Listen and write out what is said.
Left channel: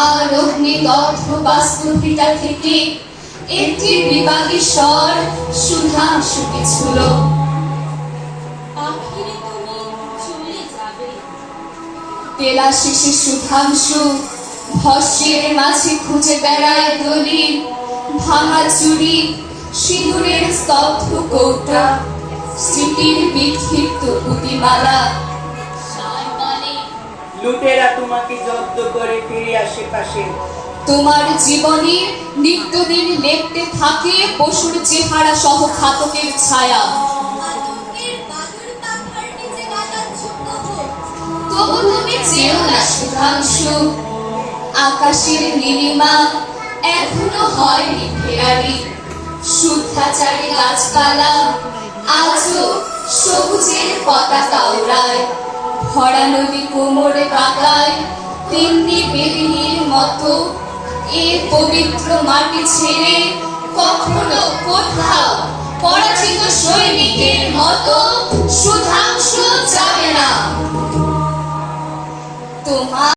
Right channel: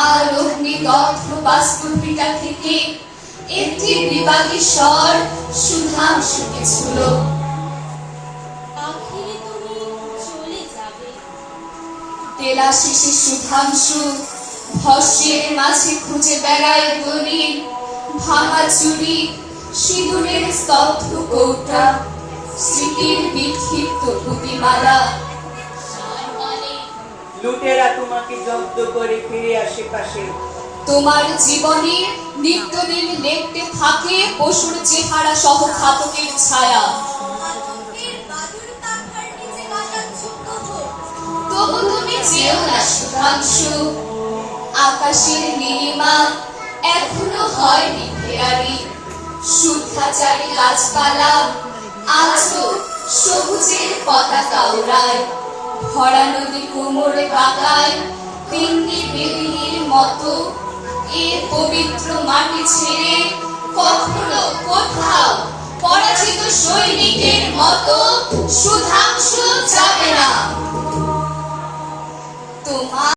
আর অগ্নিদগ্ধ বাস্তুপিতা থেকে একটি বিভাগী স্বর সুধাংশুকে ছুল আখিরে তুমি তেলা শিশি সুধাংশু ভস্যের মাঝে খুঁজে বেড়ায় দলিল ভাঙা চুরি সিঁদুরের স্তব্ধ কৌটা। স্মৃতির বিক্ষিপ্ত পুঁতিমালা লুটেরা তোমাকে জব্দ করে ফিরে আসে পাশে। তোমার জীবনের নিত্যদিন লেপতে থাকে পশুর চেহারা সহ ঘাতকের ছায়া। তবু তুমি যেও না সুধাংশু আকাশের নীলিমা এখনও হয়নি ফেরারি শুদ্ধাচারী গাছপালা, আজও সবুজের পতাকা ওড়ায় ভরা নদী কোমরে পাতায় তিনটি বেদিনীর মতো। এ পবিত্র মাটি ছেড়ে কখনো কোথাও পরাজিত সৈনিকের মতো সুধাংশ যাবে না। তোমার